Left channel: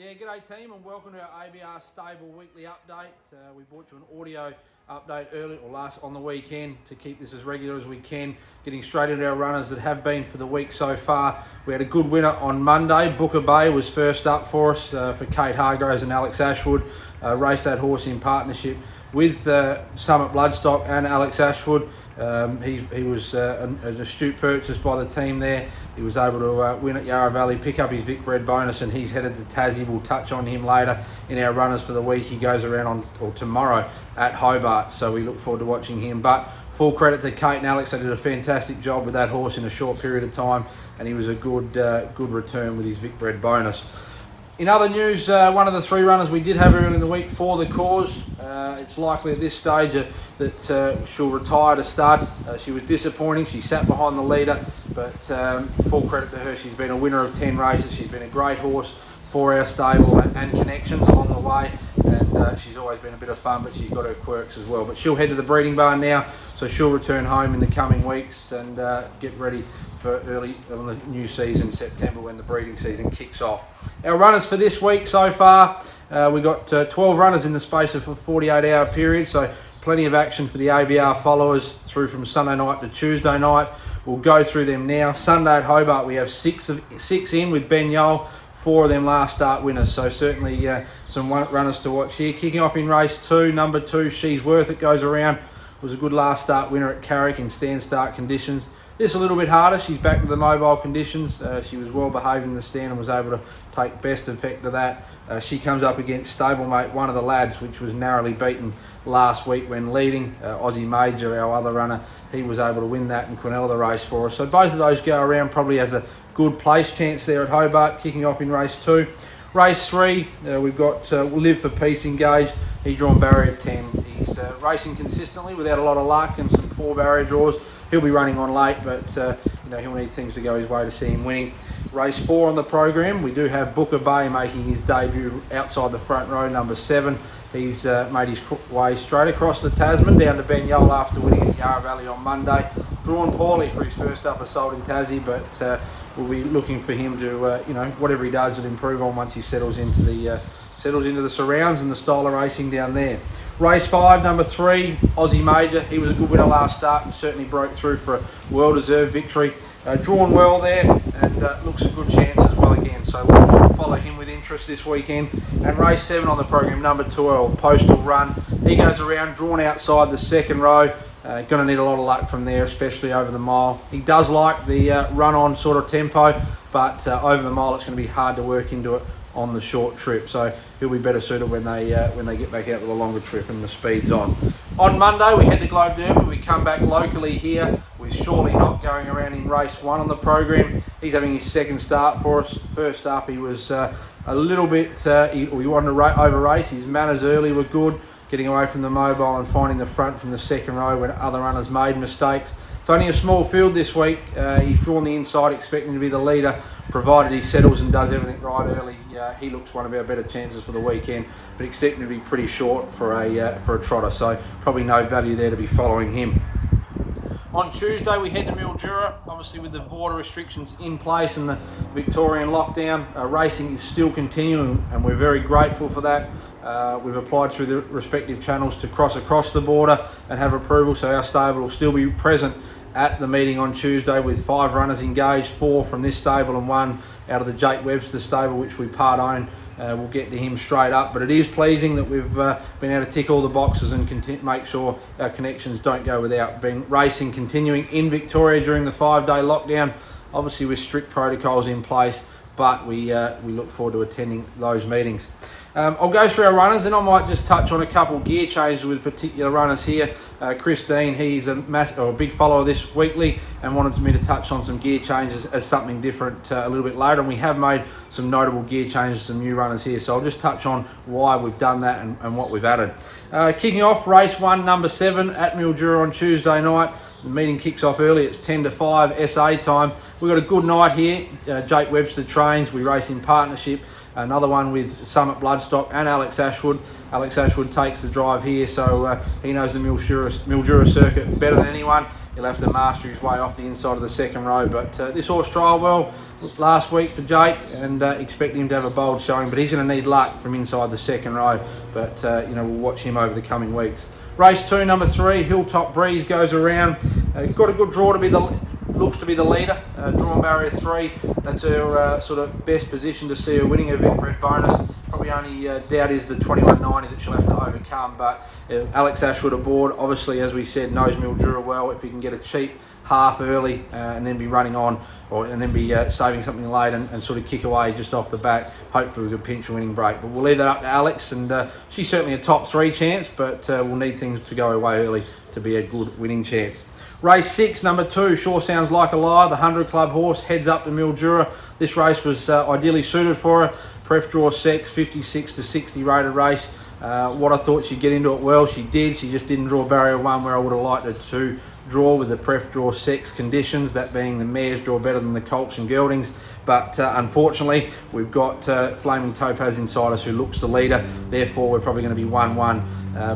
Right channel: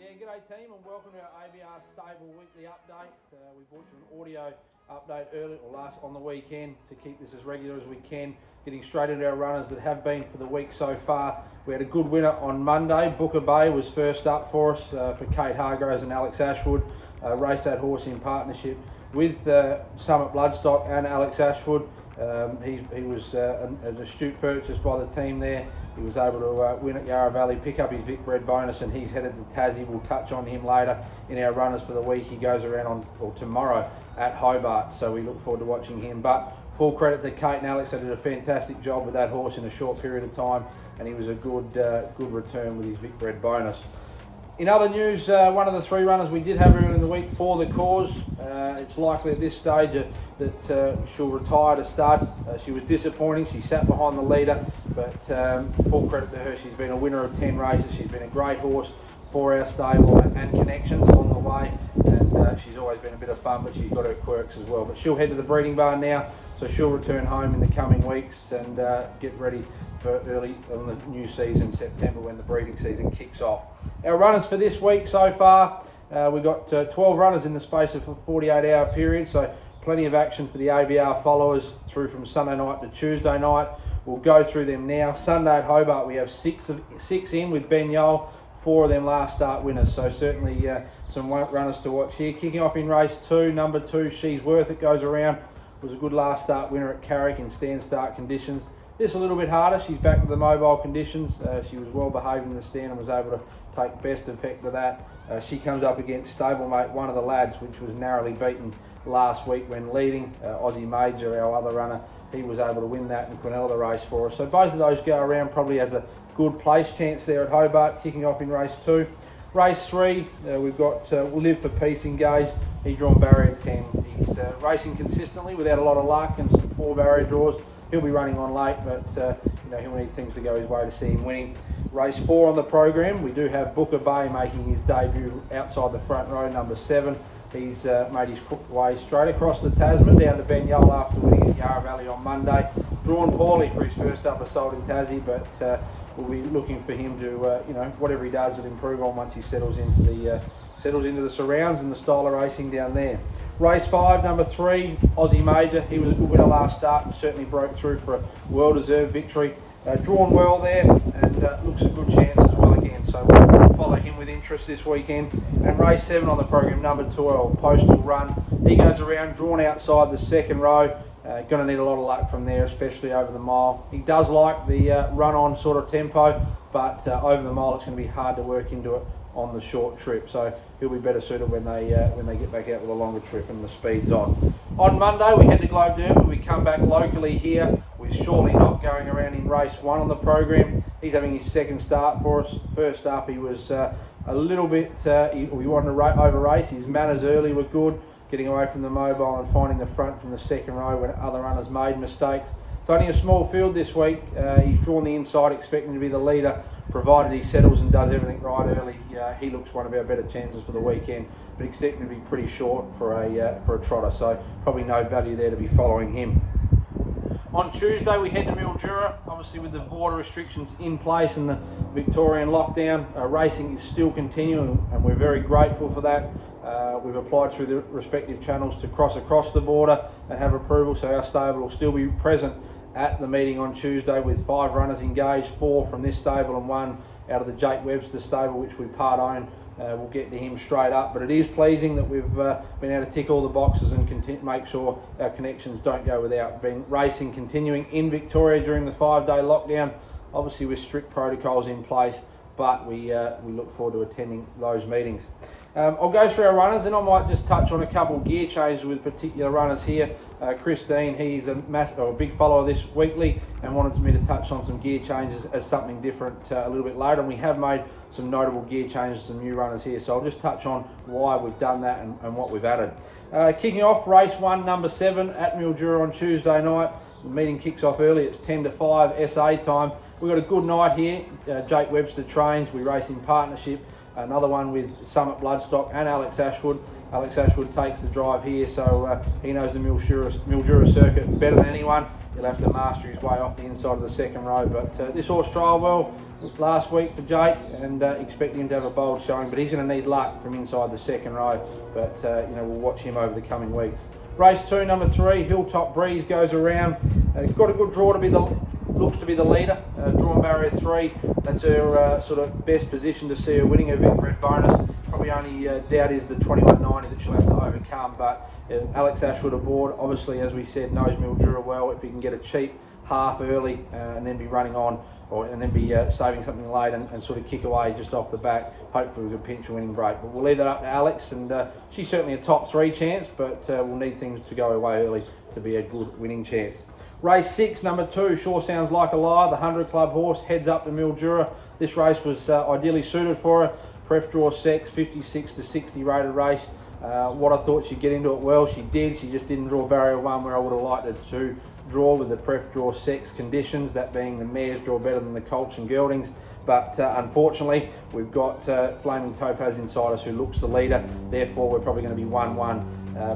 Yeah, g'day team and welcome to our ABR Stable Weekly Update. We brought you an audio update early or last on the weekend to keep this as regular as we can, getting straight into our runners that have been for the week so far. We had a good winner on Monday. Booker Bay was first up for us for Kate Hargroves and Alex Ashwood. Raced that horse in partnership with Summit Bloodstock and Alex Ashwood. He was an astute purchase by the team there. He was able to win at Yarra Valley, pick up his Vic Bred bonus, and he's headed to Tassie. We'll touch on him later in our runners for the week. He goes around tomorrow at Hobart, so we look forward to watching him. But full credit to Kate and Alex. They did a fantastic job with that horse in a short period of time, and he was a good return with his Vic Bred bonus. In other news, one of the three runners we did have early in the week for the cause. It's likely at this stage that she'll retire to stud. She was disappointing. She sat behind the leader, but full credit to her. She's been a winner of 10 races. She's been a great horse for our stable and connections along the way. And she's always been a bit of fun, but she's got her quirks as well. But she'll head to the breeding barn now, so she'll return home in the coming weeks and get ready for early on the new season, September, when the breeding season kicks off. Our runners for this week so far, we've got 12 runners in the space of a 48-hour period, so plenty of action for the ABR followers through from Sunday night to Tuesday night. We'll go through them now. Sunday at Hobart, we have six in with Ben Yole. 4 of them last start winners, so certainly some runners to watch here. Kicking off in race 2, number 2, She's Worth It goes around. Was a good last start winner at Carrick in stand-start conditions. This a little bit harder. She's back to the mobile conditions. She was well behaved in the stand and was able to take best effect of that. She comes up against stablemate One of the Lads, which was narrowly beaten last week when leading. Aussie Major, our other runner, he was able to win that and Quinella the race for us. So both of those go around probably as a good place chance there at Hobart, kicking off in race 2. Race 3, we've got Live for Peace engaged. He's drawn barrier 10. He's racing consistently without a lot of luck and some poor barrier draws. He'll be running on late, but he'll need things to go his way to see him winning. Race 4 on the program, we do have Booker Bay making his debut outside the front row, number 7. He's made his way straight across the Tasman down to Ben Yole after winning at Yarra Valley on Monday. Drawn poorly for his first up assault in Tassie, but we'll be looking for him to, whatever he does, will improve on once he settles into the surrounds and the style of racing down there. Race 5, number 3, Aussie Major. He was a good winner last start and certainly broke through for a well-deserved victory. Drawn well there and looks a good chance as well again. So we'll follow him with interest this weekend. And race 7 on the program, number 12, Postal Run. He goes around, drawn outside the second row. Going to need a lot of luck from there, especially over the mile. He does like the run-on sort of tempo, but over the mile it's going to be hard to work into it on the short trip, so he'll be better suited when they get back out with a longer trip and the speed's on. On Monday we head to Globe Derby. We come back locally here with Surely Not going around in race 1 on the program. He's having his second start for us. First up he was a little bit, he wanted to over race. His manners early were good, getting away from the mobile and finding the front from the second row when other runners made mistakes. It's only a small field this week. He's drawn the inside expecting to be the leader, provided he settles and does everything right early. He looks one of our better chances for the weekend, but expecting to be pretty short for a trotter, so probably no value there to be following him. On Tuesday we head to Mildura, obviously with the border restrictions in place and the Victorian lockdown. Racing is still continuing and we're very grateful for that. We've applied through the respective channels to cross across the border and have approval, so our stable will still be present at the meeting on Tuesday with 5 runners engaged, 4 from this stable and 1 out of the Jake Webster stable, which we part own. We'll get to him straight up, but it is pleasing that we've been able to tick all the boxes and make sure our connections don't go without. Racing continuing in Victoria during the 5-day lockdown, obviously with strict protocols in place, but we look forward to attending those meetings. I'll go through our runners and I might just touch on a couple of gear changes with particular runners here. Christine, he's a big follower of this weekly and wanted me to touch on some gear changes as something different a little bit later, and we have made some notable gear changes, some new runners here, so I'll just touch on why we've done that and what we've added. Kicking off race 1, number 7 at Mildura on Tuesday night. The meeting kicks off early, it's 10 to 5 SA time. We've got a good night here. Jake Webster trains, we race in partnership. Another one with Summit Bloodstock and Alex Ashwood. Alex Ashwood takes the drive here, so he knows the Mildura circuit better than anyone. he'll have to master his way off the inside of the second row. But this horse trialled well last week for Jake, and expect him to have a bold showing, but he's going to need luck from inside the second row. But you know, we'll watch him over the coming weeks. Race 2, number 3, Hilltop Breeze goes around. Got a good draw to be looks to be the leader. Drawn barrier 3, that's her sort of best position to see her winning her Vicbred bonus. Probably only doubt is the 21.90 that she'll have to overcome. But Alex Ashwood aboard, obviously, as we said, knows Mildura well. If he can get a cheap half early and then be running on, and then be saving something late and sort of kick away just off the back, hopefully we could pinch a winning break. But we'll leave that up to Alex, and she's certainly a top 3 chance, but we'll need things to go away early to be a good winning chance. Race 6, number 2, Sure Sounds Like a Lie, the 100 Club horse, heads up to Mildura. This race was ideally suited for her. Pref draw sex, 56 to 60 rated race. What I thought she'd get into it well, she did. She just didn't draw barrier 1 where I would have liked her to draw with the pref draw sex conditions, that being the mares draw better than the colts and geldings. But unfortunately, we've got Flaming Topaz inside us, who looks the leader. Therefore, we're probably going to be 1-1.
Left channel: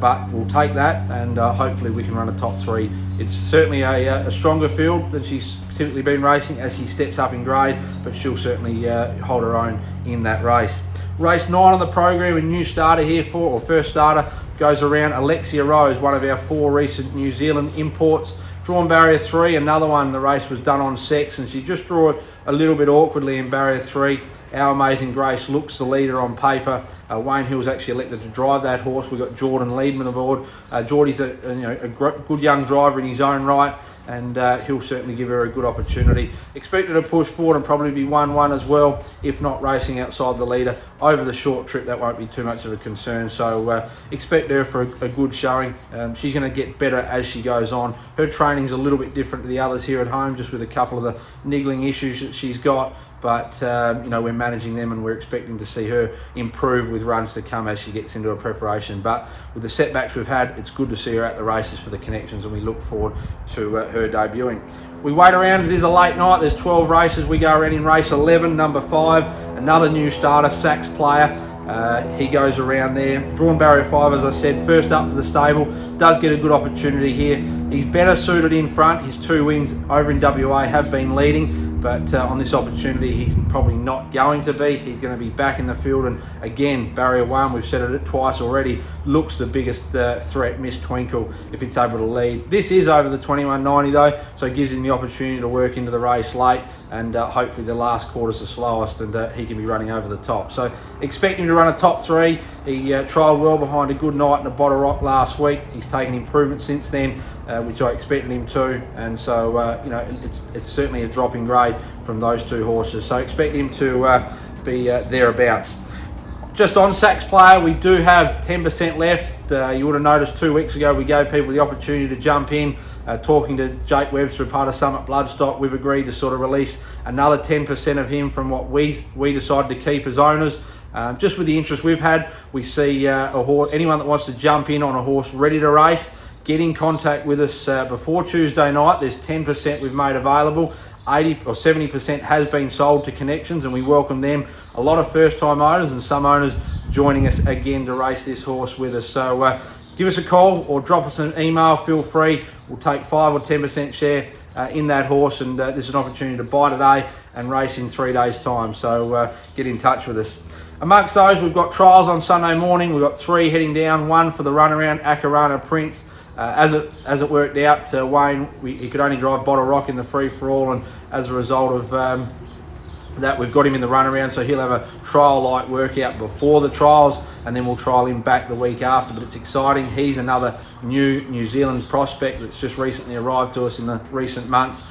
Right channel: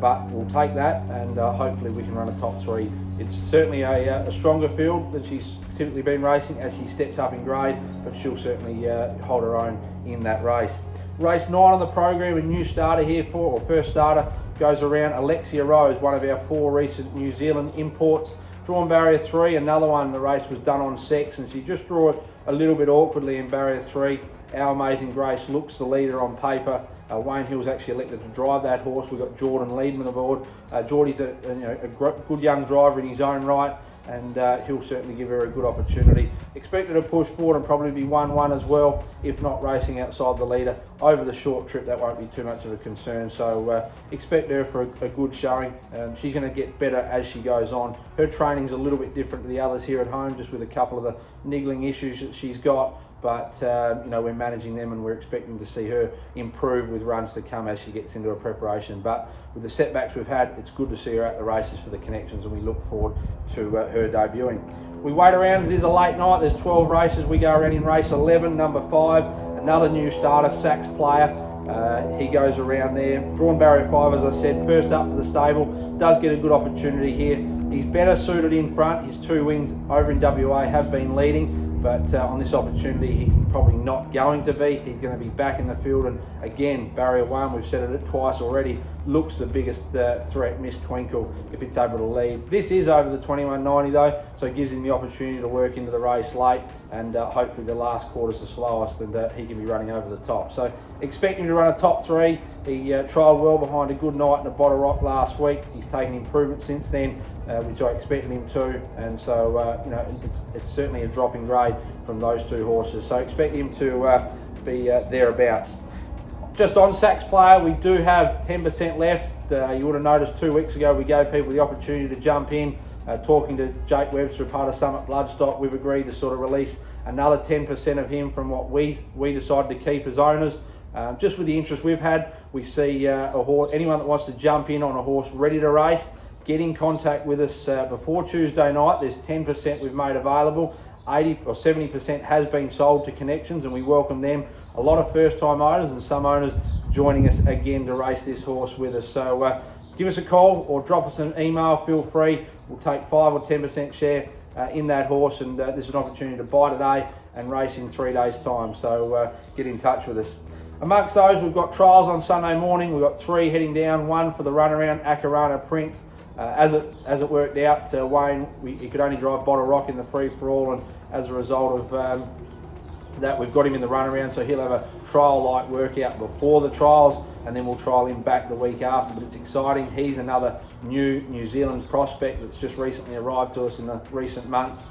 But we'll take that, and hopefully we can run a top 3. It's certainly a stronger field than she's typically been racing as she steps up in grade, but she'll certainly hold her own in that race. Race 9 on the program, a new starter here first starter, goes around. Alexia Rose, one of our 4 recent New Zealand imports. Drawn barrier 3, another one. The race was done on sex, and she just drew it a little bit awkwardly in barrier 3. Our Amazing Grace looks the leader on paper. Wayne Hill's actually elected to drive that horse. We've got Jordan Leedman aboard. Geordie's a good young driver in his own right, and he'll certainly give her a good opportunity. Expected to push forward and probably be 1-1 as well, if not racing outside the leader. Over the short trip, that won't be too much of a concern, so expect her for a good showing. She's going to get better as she goes on. Her training's a little bit different to the others here at home, just with a couple of the niggling issues that she's got. But you know, we're managing them, and we're expecting to see her improve with runs to come as she gets into her preparation. But with the setbacks we've had, it's good to see her at the races for the connections, and we look forward to her debuting. We wait around. It is a late night. There's 12 races. We go around in race 11, number 5, another new starter, Sax Player. He goes around there. Drawn barrier 5, as I said, first up for the stable. Does get a good opportunity here. He's better suited in front. His 2 wins over in WA have been leading. But on this opportunity, he's probably not going to be. He's going to be back in the field. And again, barrier 1, we've said it twice already, looks the biggest threat, Miss Twinkle, if it's able to lead. This is over the 21.90 though, so it gives him the opportunity to work into the race late, and hopefully the last quarter's the slowest, and he can be running over the top. So expect him to run a top 3. He trialled well behind a good night in a Bottle Rock last week. He's taken improvement since then, which I expected him to, and so you know, it's certainly a drop in grade from those 2 horses. So expect him to be thereabouts. Just on Sax Player, we do have 10% left. You would have noticed 2 weeks ago we gave people the opportunity to jump in. Talking to Jake Webster, part of Summit Bloodstock, we've agreed to sort of release another 10% of him from what we decided to keep as owners. Just with the interest we've had, we see anyone that wants to jump in on a horse ready to race, get in contact with us before Tuesday night. There's 10% we've made available. 80 or 70% has been sold to connections, and we welcome them. A lot of first-time owners and some owners joining us again to race this horse with us. So give us a call or drop us an email. Feel free. We'll take 5 or 10% share in that horse, and there's an opportunity to buy today and race in 3 days' time. So get in touch with us. Amongst those, we've got trials on Sunday morning. We've got 3 heading down. 1 for the runaround, Akarana Prince. As it worked out, Wayne, he could only drive Bottle Rock in the free-for-all, and as a result of that, we've got him in the runaround, so he'll have a trial-like workout before the trials, and then we'll trial him back the week after. But it's exciting. He's another New Zealand prospect that's just recently arrived to us in the recent months.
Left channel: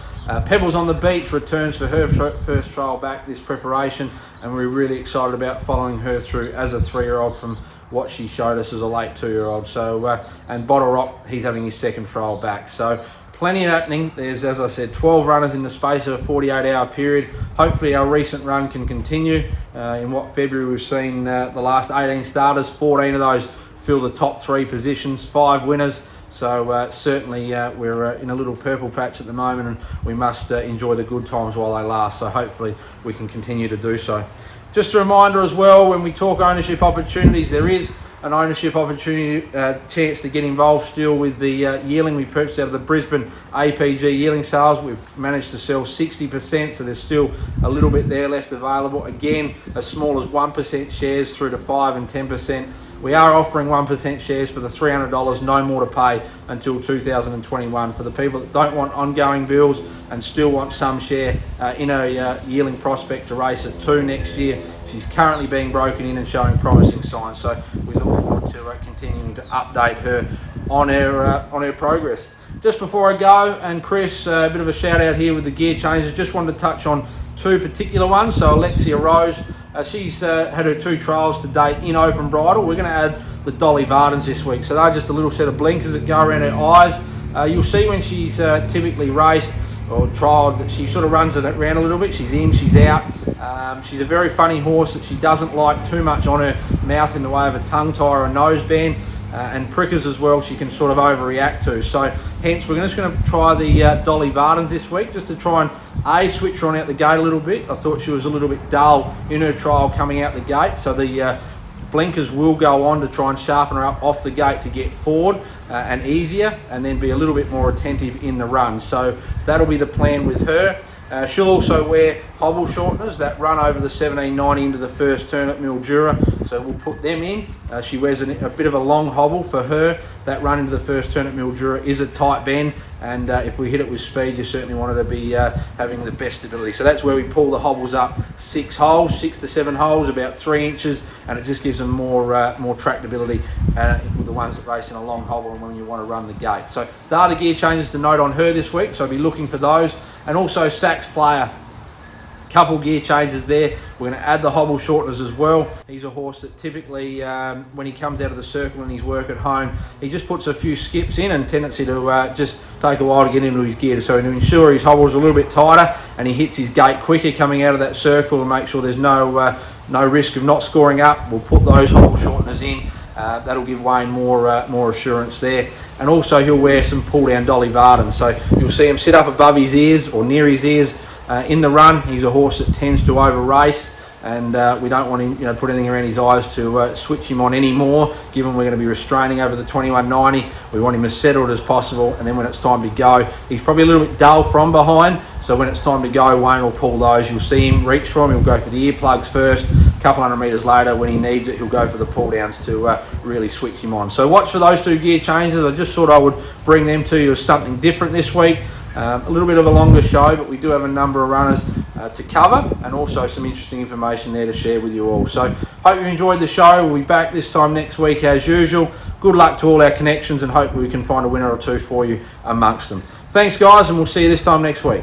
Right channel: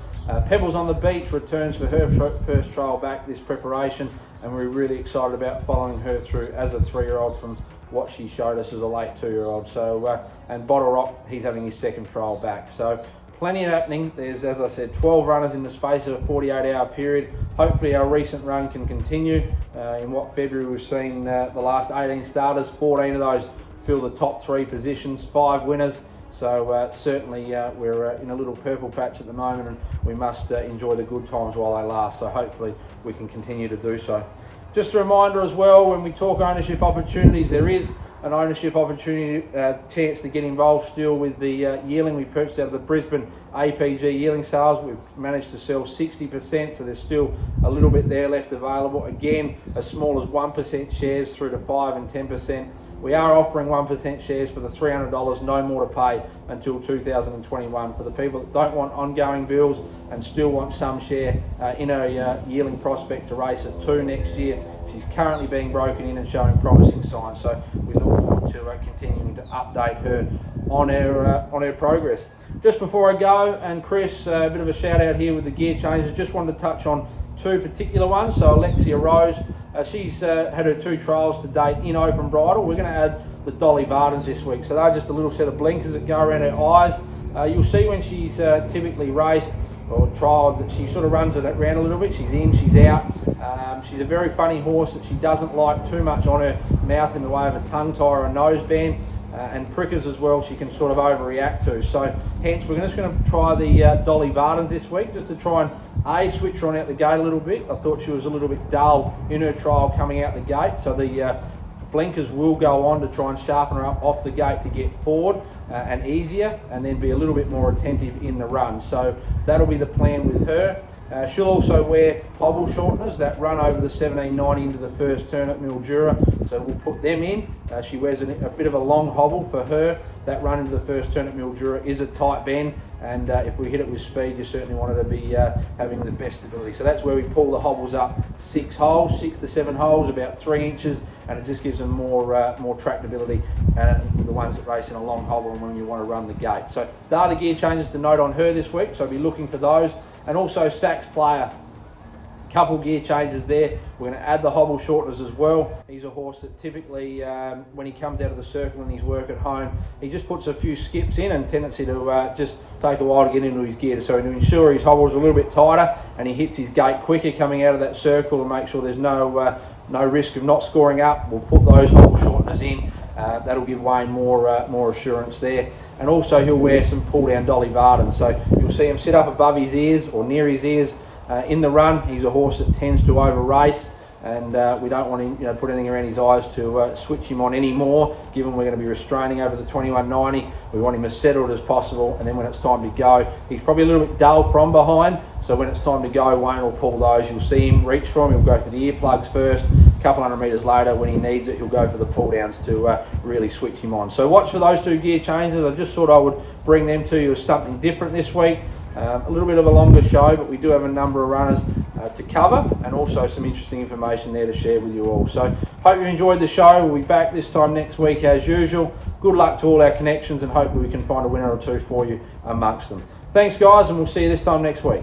Pebbles on the Beach returns for her first trial back this preparation, and we're really excited about following her through as a 3-year-old from what she showed us as a late 2-year-old. So and Bottle Rock, he's having his 2nd trial back. So plenty happening. There's, as I said, 12 runners in the space of a 48-hour period. Hopefully our recent run can continue. In what February we've seen the last 18 starters, 14 of those fill the top 3 positions, 5 winners. So certainly we're in a little purple patch at the moment, and we must enjoy the good times while they last. So hopefully we can continue to do so. Just a reminder as well, when we talk ownership opportunities, there is an ownership opportunity, chance to get involved still with the yearling we purchased out of the Brisbane APG yearling sales. We've managed to sell 60%, so there's still a little bit there left available. Again, as small as 1% shares through to 5 and 10%. We are offering 1% shares for the $300, no more to pay until 2021. For the people that don't want ongoing bills and still want some share in a yearling prospect to race at 2 next year, she's currently being broken in and showing promising signs. So we look forward to continuing to update her on her progress. Just before I go, and Chris, a bit of a shout out here with the gear changes. Just wanted to touch on 2 particular ones. So Alexia Rose, she's had her 2 trials to date in open bridle. We're going to add the Dolly Vardens this week. So they're just a little set of blinkers that go around her eyes. You'll see when she's typically raced or trialled that she sort of runs it around a little bit. She's in, she's out. She's a very funny horse that she doesn't like too much on her mouth in the way of a tongue tie or a nose band. And prickers as well, she can sort of overreact to. So hence we're just going to try the Dolly Vardens this week, just to try and switch her on out the gate a little bit. I thought she was a little bit dull in her trial coming out the gate, so the blinkers will go on to try and sharpen her up off the gate to get forward and easier, and then be a little bit more attentive in the run. So that'll be the plan with her. She'll also wear hobble shorteners that run over the 1790 into the first turn at Mildura, so we'll put them in. She wears a bit of a long hobble for her. That run into the first turn at Mildura is a tight bend, and if we hit it with speed, you certainly want her to be having the best stability. So that's where we pull the hobbles up 6 holes, 6 to 7 holes, about 3 inches, and it just gives them more tractability with the ones that race in a long hobble and when you want to run the gate. So there are the gear changes to note on her this week, so I'll be looking for those. And also Sax Player, a couple gear changes there. We're going to add the hobble shorteners as well. He's a horse that typically, when he comes out of the circle and his work at home, he just puts a few skips in, and tendency to just take a while to get into his gear. So to ensure his hobble's a little bit tighter and he hits his gate quicker coming out of that circle, and make sure there's no risk of not scoring up, we'll put those hobble shorteners in. That'll give Wayne more assurance there. And also he'll wear some pull down Dolly Vardens. So you'll see him sit up above his ears or near his ears in the run. He's a horse that tends to over race, and we don't want him put anything around his eyes to switch him on anymore, given we're going to be restraining over the 2190. We want him as settled as possible, and then when it's time to go, he's probably a little bit dull from behind, so when it's time to go, Wayne will pull those. You'll see him reach for him. He'll go for the earplugs first. A couple hundred metres later, when he needs it, he'll go for the pull downs to really switch him on. So watch for those 2 gear changes. I just thought I would bring them to you as something different this week. A little bit of a longer show, but we do have a number of runners to cover, and also some interesting information there to share with you all. So hope you enjoyed the show. We'll be back this time next week as usual. Good luck to all our connections, and hope we can find a winner or 2 for you amongst them. Thanks guys, and we'll see you this time next week.